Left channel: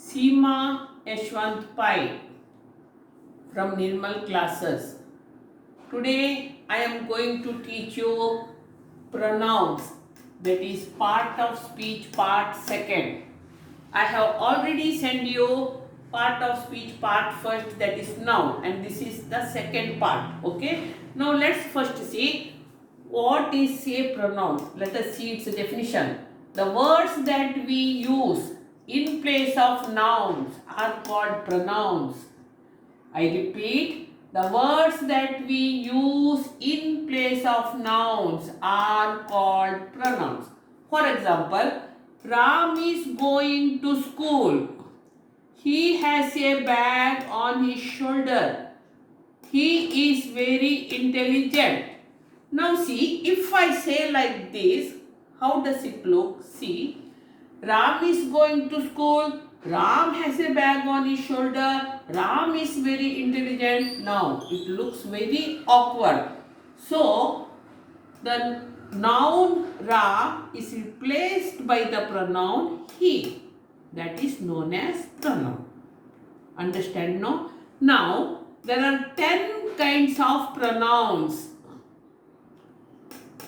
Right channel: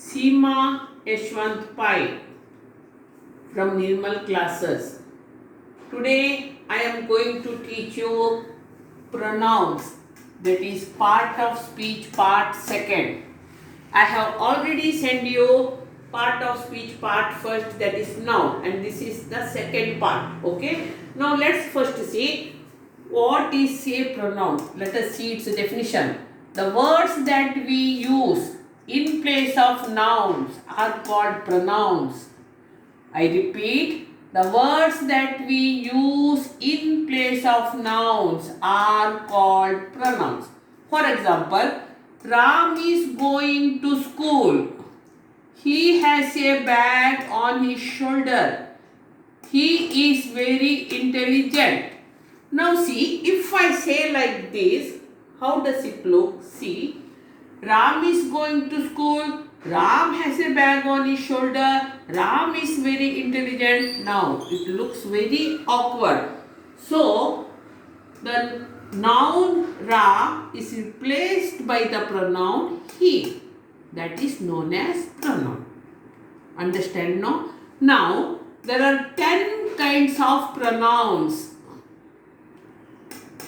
Seema Yashwant Pai from Nirmal classes. Today I am going to teach you pronouns, that is part of speech part second. I have already sent you part of speech part first, that is noun, and this is the second part. Okay, now let's first see what is a pronoun. Let us see its definition. The words that we use in place of nouns are called pronouns. I repeat, the words that we use in place of nouns are called pronouns. For example, Ram is going to school. He has a bag on his shoulder. He is very intelligent. Now see, if I say like this, how does it look? See, Ram is going to school. Ram has a bag on his shoulder. Ram is very intelligent. Now, it looks very awkward. So, the noun Ra is replaced by the pronoun he. That is known as pronoun. Understand, no? Now, there are 10 kinds of pronouns.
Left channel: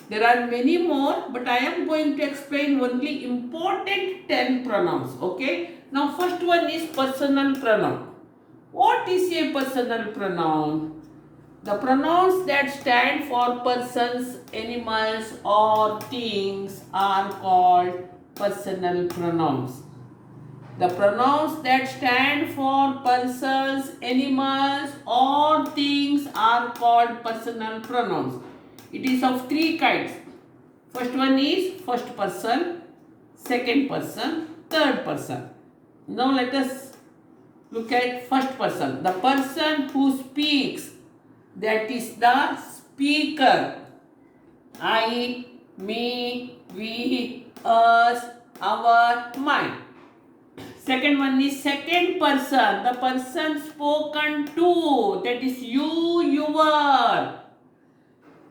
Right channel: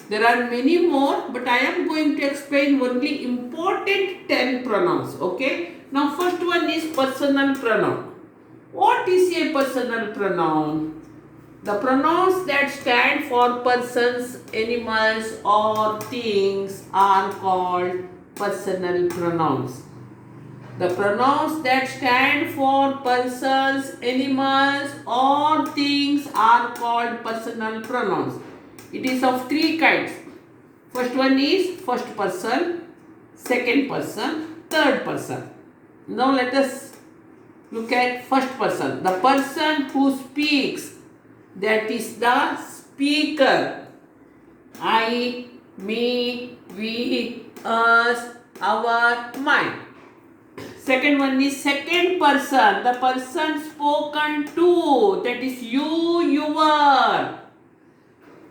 There are many more, but I am going to explain only important 10 pronouns. Okay? Now, first one is personal pronoun. What is a personal pronoun? The pronouns that stand for persons, animals, or things are called personal pronouns. The pronouns that stand for persons, animals, or things are called personal pronouns. It is of 3 kinds. First one is first person, second person, third person. Now let us look at first person. The person who speaks, that is the speaker. I, me, we, us, our, mine. Second one is second person. The person spoken to, that is you, your.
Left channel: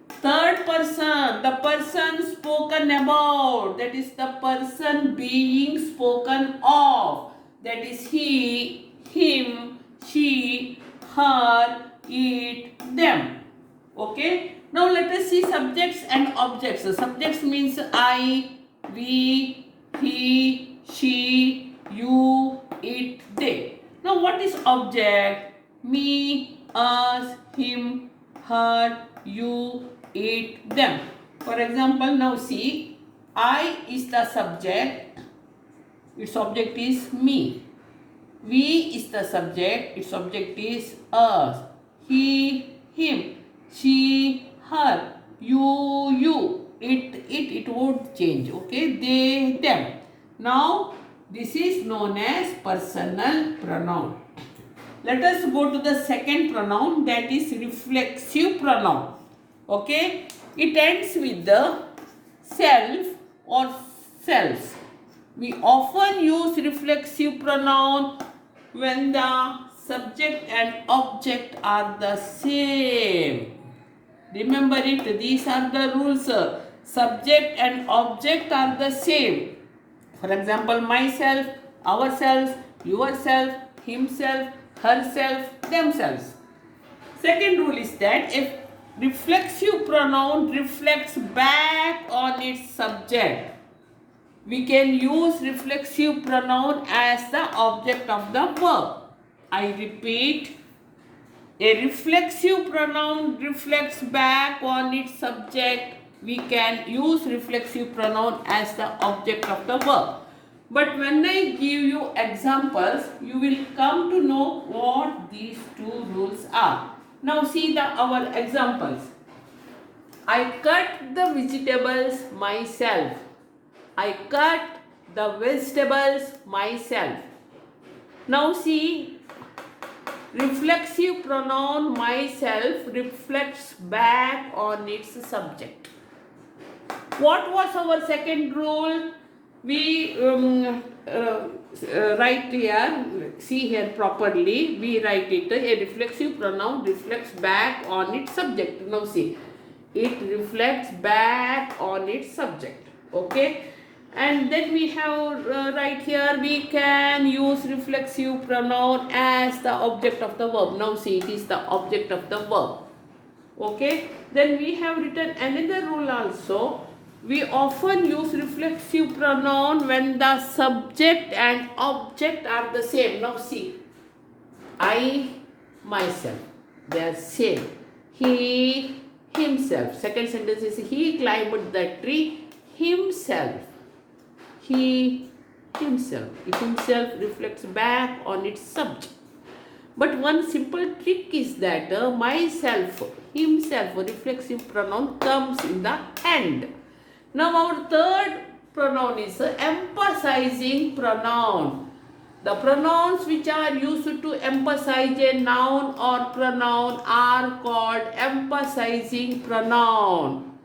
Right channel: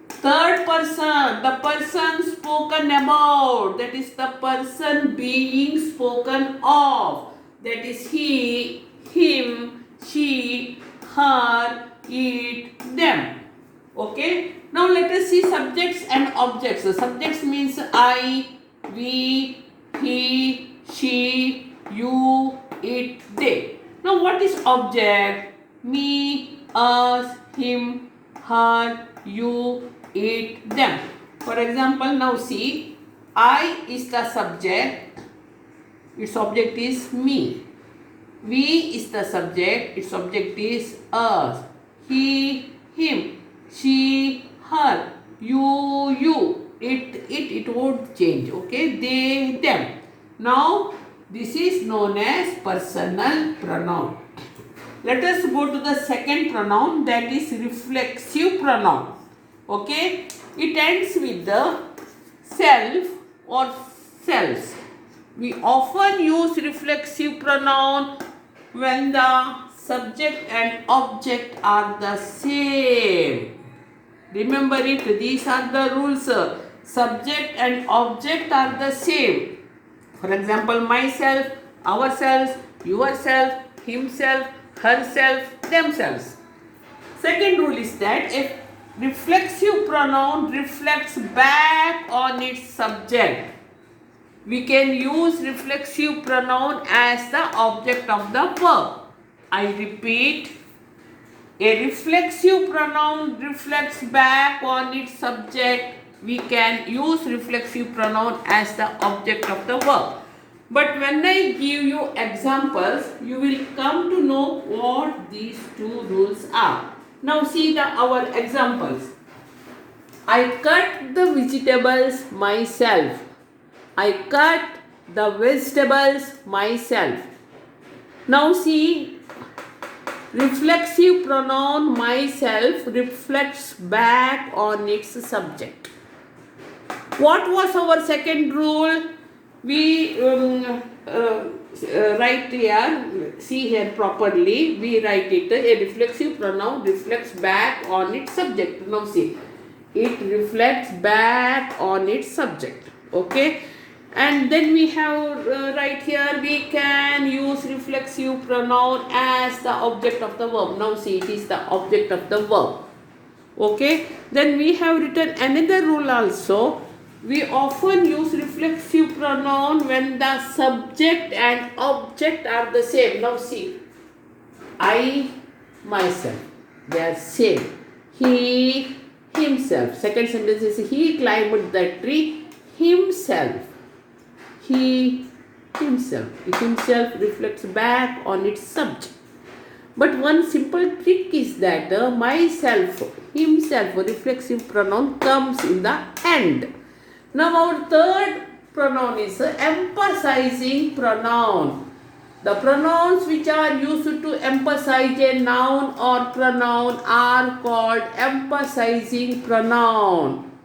Third person, the person spoken about, that is the person being spoken of, that is he, him, she, her, it, them. Okay. Now let us see subjects and objects. The subjects means I, we, he, she, you, it, they. Now what is object? Me, us, him, her, you, it, them. For example, now see, I is the subject, its object is me. We is the subject, its object is us. He, him, she, her, you, it won't change. Okay, they, them. Now, this is known as personal pronoun. Let us go to the second pronoun, that is reflexive pronoun. Okay, it ends with the self or selves. We often use reflexive pronoun when the subject and object are the same. Remember it, these are the rules. Subject and object are the same. For example, myself, ourselves, yourself, himself, herself, themselves. Second rule is that if reflexive pronoun reflects back on its subject, we can use reflexive pronoun as the object of the verb. I repeat, a reflexive pronoun reflects back on its subject. We can use reflexive pronoun as the object of the verb. But when I give you examples, you will come to know what these two rules are. Now see our examples. I cut the vegetables myself. I cut the vegetables myself. Now see, reflexive pronoun myself reflects back on its subject. What was our second rule? We write here, see here properly, we write it, a reflexive pronoun reflects back on its subject. Now see, it reflects back on its subject. Okay. And then we have right here, we can use reflexive pronoun as the object of the verb. Now see, it is the object of the verb. Okay, then we have written another rule also. We often use reflexive pronoun when the subject and object are the same. Now see, I, myself, they are same. He, himself. Second sentence is he climbed the tree himself. He, himself. It himself reflects back on its subject. But one simple trick is that myself, himself, reflexive pronoun comes in the end. Now our third pronoun is emphasizing pronoun. The pronouns which are used to emphasize a noun or pronoun are called emphasizing pronoun.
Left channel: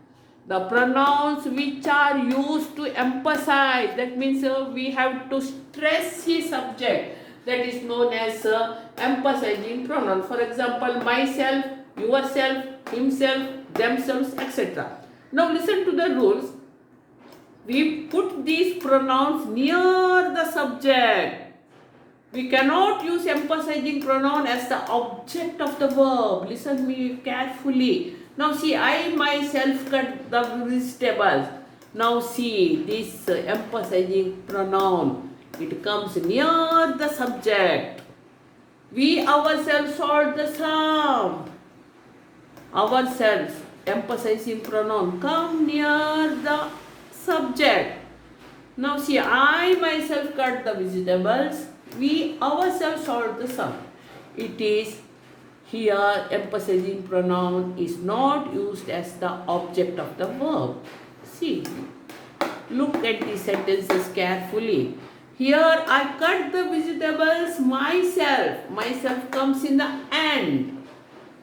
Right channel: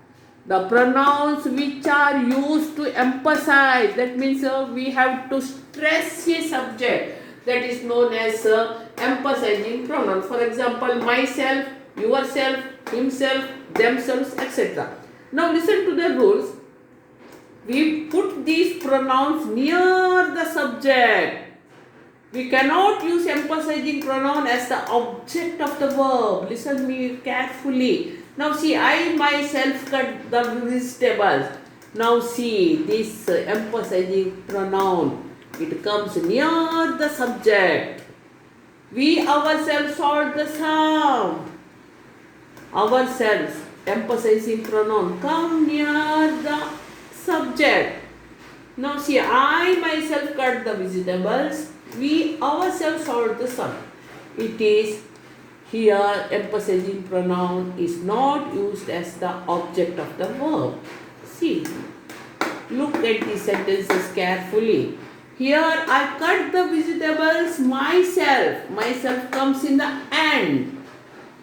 The pronouns which are used to emphasize, that means we have to stress a subject, that is known as emphasizing pronoun. For example, myself, yourself, himself, themselves, etc. Now listen to the rules. We put these pronouns near the subject. We cannot use emphasizing pronoun as the object of the verb. Listen me carefully. Now see, I myself cut the vegetables. Now see, this emphasizing pronoun, it comes near the subject. We ourselves solve the sum. Ourselves, emphasizing pronoun, come near the subject. Now see, I myself cut the vegetables. We ourselves solve the sum. It is here emphasizing pronoun is not used as the object of the verb. See, look at the sentences carefully. Here I cut the vegetables myself. Myself comes in the end.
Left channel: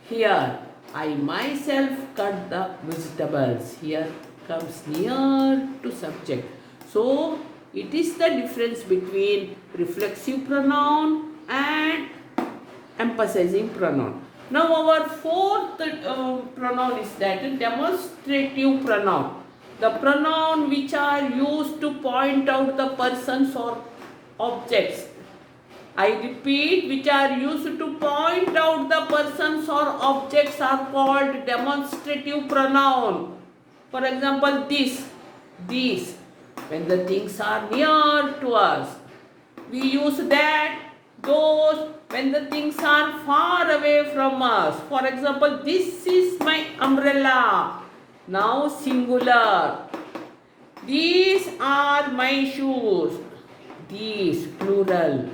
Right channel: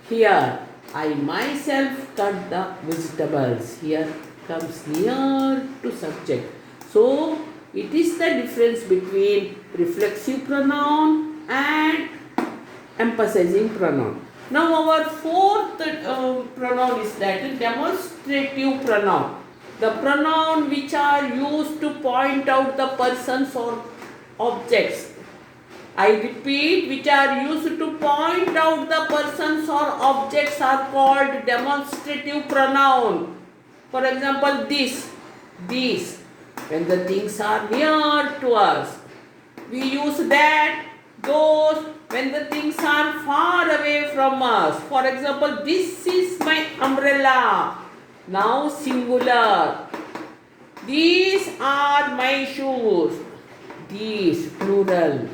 Here I myself cut the vegetables. Here comes near to subject. So it is the difference between reflexive pronoun and emphasizing pronoun. Now our fourth pronoun is that demonstrative pronoun. The pronoun which are used to point out the persons or objects. I repeat, which are used to point out the persons or objects are called demonstrative pronoun. For example, this, these, when the things are near to us. We use that, those, when the things are far away from us. For example, this is my umbrella. Now singular. These are my shoes. These, plural.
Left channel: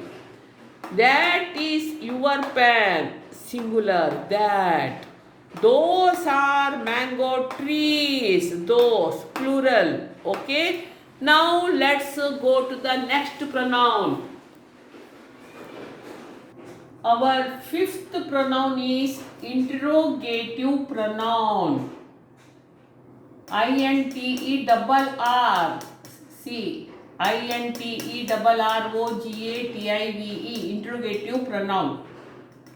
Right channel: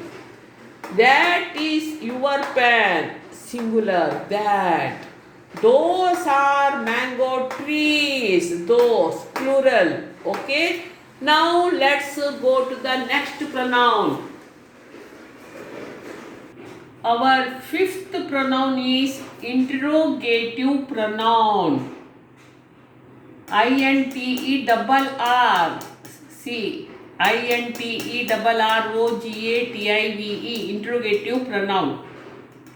That is your pen. Singular, that. Those are mango trees. Those, plural. Okay. Now let's go to the next pronoun. Our fifth pronoun is interrogative pronoun. INTERROGATIVE. Interrogative pronoun.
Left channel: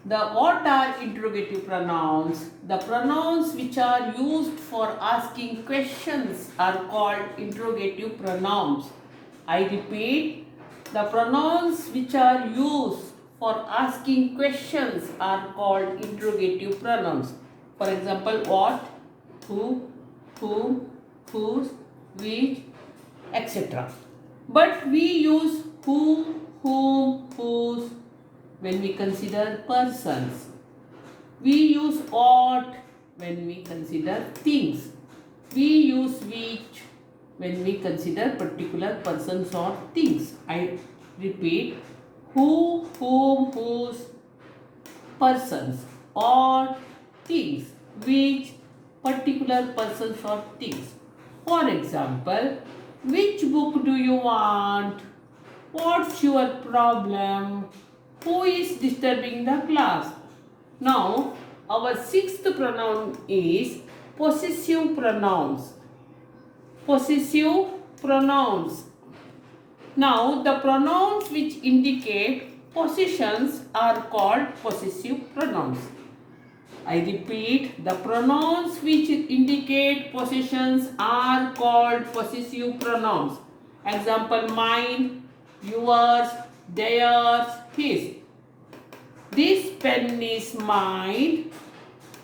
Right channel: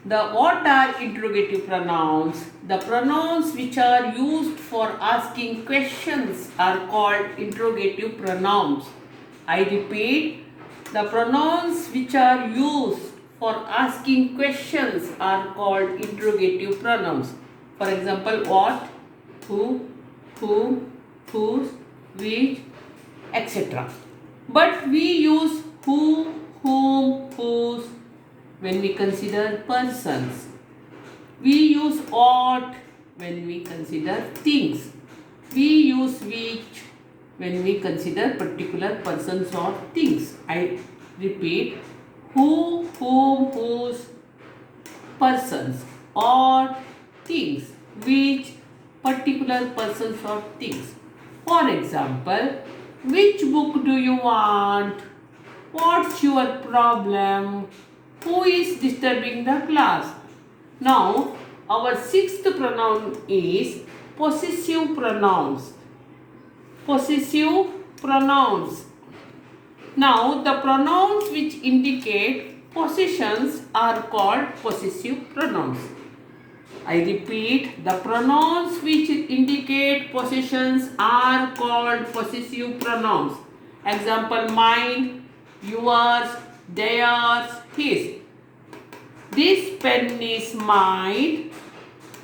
What are interrogative pronouns? The pronouns which are used for asking questions are called interrogative pronouns. I repeat, the pronouns which are used for asking questions are called interrogative pronouns. For example, what, who, whom, whose, which, etc. But we use who, whom, whose when we consider persons. We use ought when we consider things. We use which when we consider particular persons or things. I repeat, who, whom, whose, persons, or things, which, particular persons or things. For example, which book do you want? What's your problem? Who is disturbing the class? Now, our sixth pronoun is possessive pronouns. Possessive pronouns. Now, the pronouns which indicate possessions are called possessive pronouns. I repeat, the pronouns which indicate possessions are called possessive pronouns. Example, mine, yours, theirs, his. This pen is mine,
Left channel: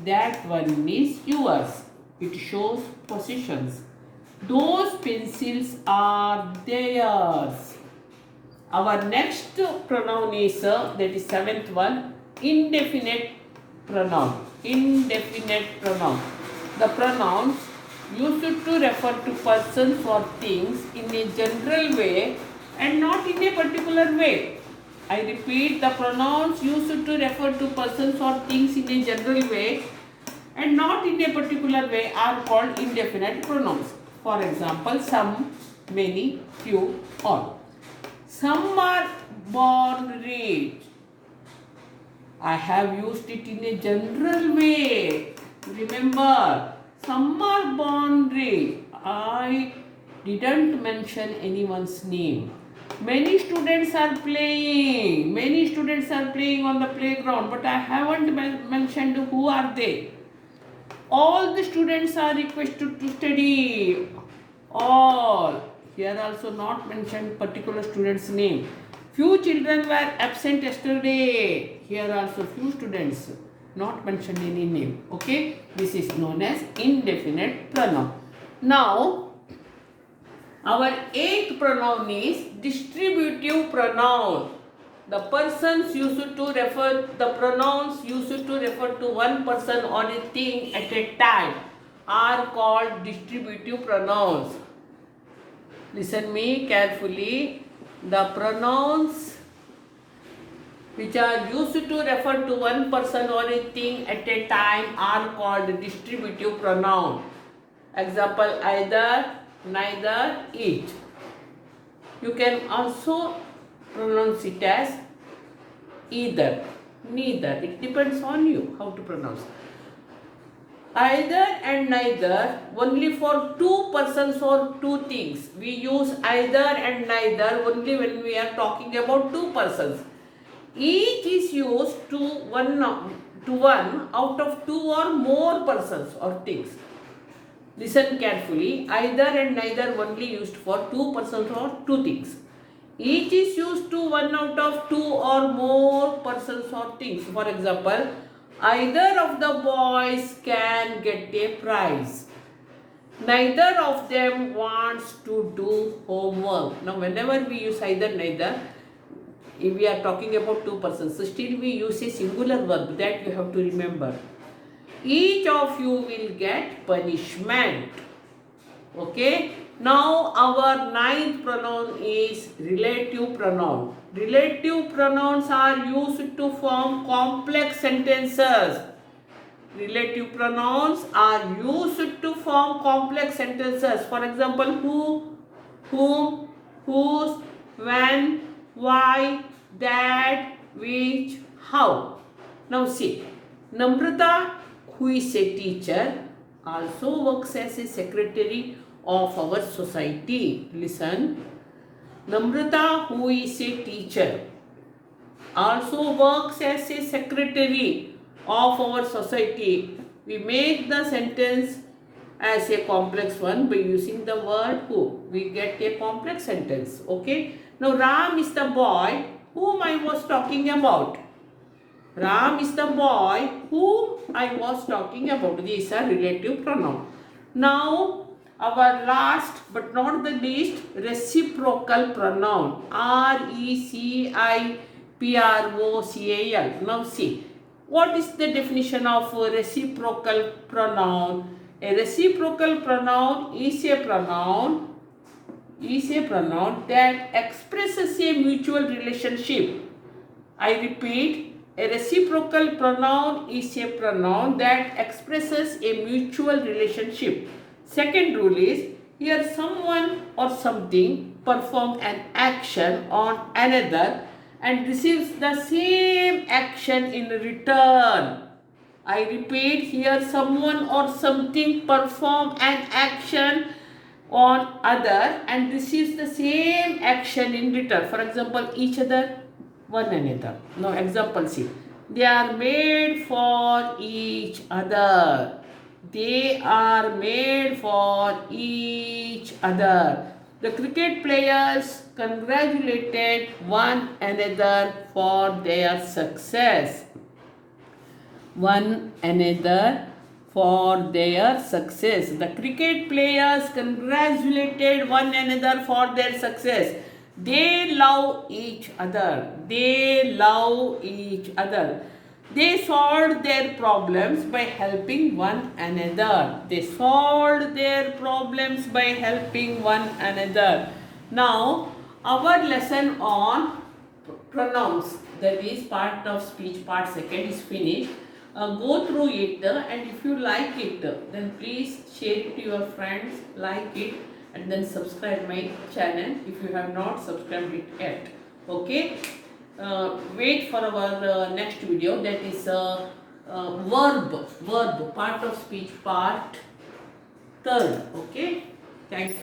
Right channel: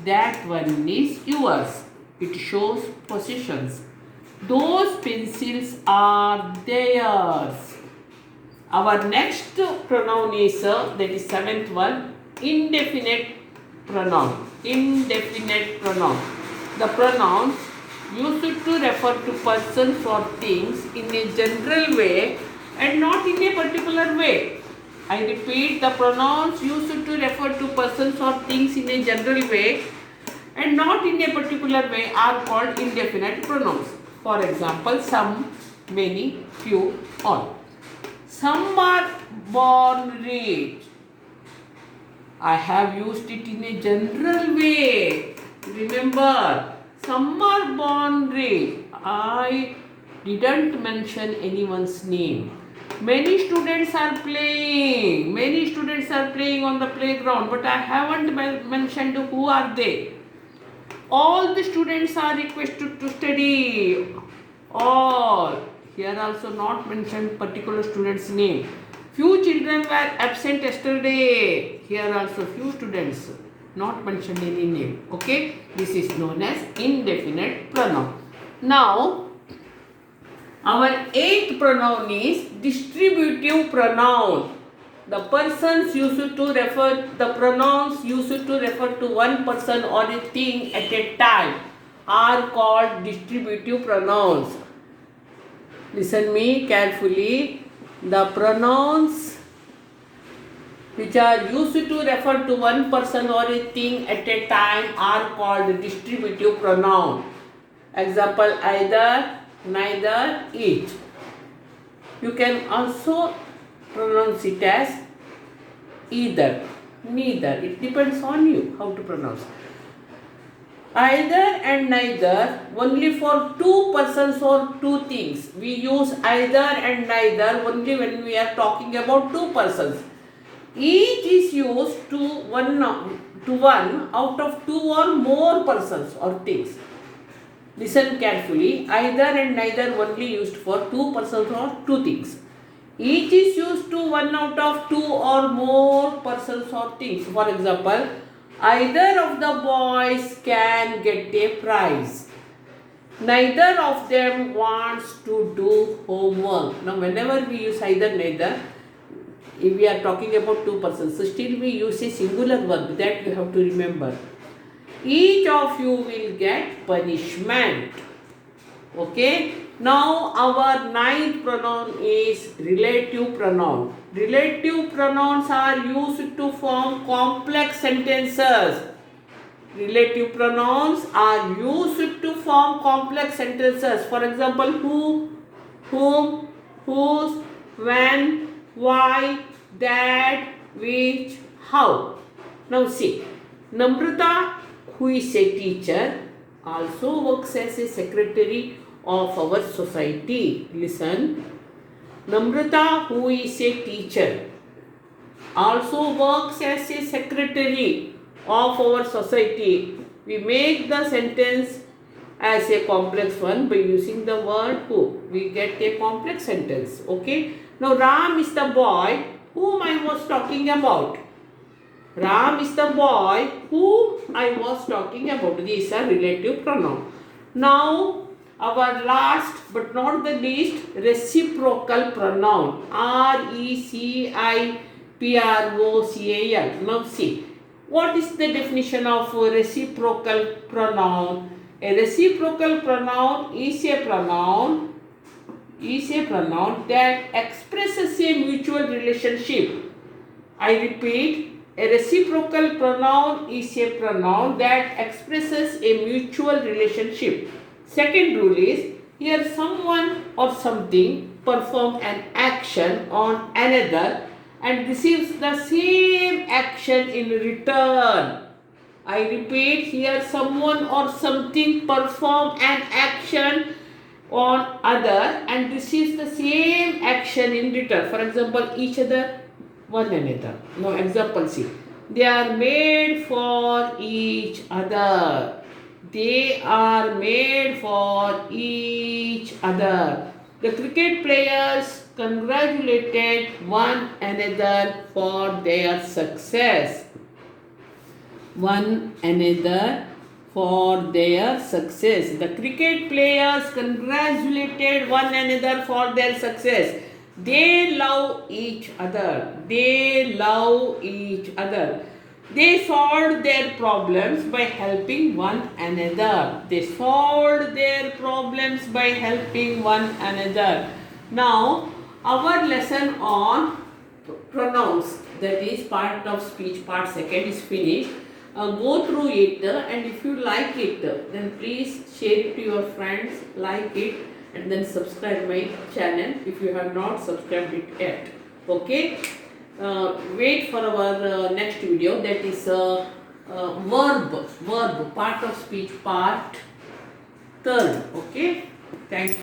that one is yours. It shows possessions. Those pencils are theirs. Our next pronoun is, that is seventh one, indefinite pronoun. Indefinite pronoun. The pronouns used to refer to persons or things in a general way and not in a particular way. I repeat, the pronouns used to refer to persons or things in a general way and not in a particular way are called indefinite pronouns. For example, some, many, few, all. Some are born rich. I have used it in a general way. Remember, some are born rich. I didn't mention anyone's name. Many students are playing. Many students are playing on the playground, but I haven't mentioned who are they. All the students are requested to study. All. Here also not mentioned particular student's name. Few children were absent yesterday. Here also few students, not mentioned any name. Okay, this is known as indefinite pronoun. Now, our eighth pronoun is distributive pronoun. The persons used to refer, the pronouns used to refer to one person or a thing at a time are called distributive pronouns. Listen me carefully. The pronouns which are used to refer to one person or a thing at a time are called distributive pronoun. Example, either, neither, each. You can also pronounce it as either, neither. It depends on you how to pronounce. Either and neither only for two persons or two things. We use either and neither only when we are talking about two persons. Each is used to one out of two or more persons or things. Listen carefully. Either and neither only used for two persons or two things. Each is used to one out of two or more persons or things. For example, either of the boys can get a prize. Neither of them wants to do homework. Now, whenever we use either, neither, if we are talking about two persons, so still we use a singular verb. That you have to remember. Each of you will get punishment. Okay. Now, our ninth pronoun is relative pronoun. Relative pronouns are used to form complex sentences. Relative pronouns are used to form complex sentences. For example, who, whom, whose, when, why, that, which, how. Now see, Namrata, who is a teacher, also works as a secretary of our society. Listen. Namrata, who is a teacher, also works as a secretary of our society. We make the sentence as a complex one by using the word who. We get a complex sentence. Okay. Now Ram is the boy whom I was talking about. Ram is the boy whom I was talking about. These are relative pronoun. Now, our last but not the least, reciprocal pronoun. R-E-C-I-P-R-O-C-A-L. Now see, what is the definition of reciprocal pronoun? A reciprocal pronoun is a pronoun that expresses a mutual relationship. I repeat, a reciprocal pronoun is a pronoun that expresses a mutual relationship. Second rule is, here someone or something performs an action on another and receives the same action in return. I repeat, here someone or something performs an action on other and receives the same action in return. For example, each other, one another. Now example see. They are made for each other. They are made for each other. The cricket players congratulated one another for their success. One another for their success. The cricket players congratulated one another for their success. They love each other. They love each other. They solved their problems by helping one another. They solved their problems by helping one another. Now, our lesson on pronouns, that is part of speech, part second, is finished. Go through it, and if you like it, then please share it to your friends, like it, and then subscribe my channel if you have not subscribed it yet. Okay. Wait for our next video, that is verb part of speech, part third. Okay. Thank you.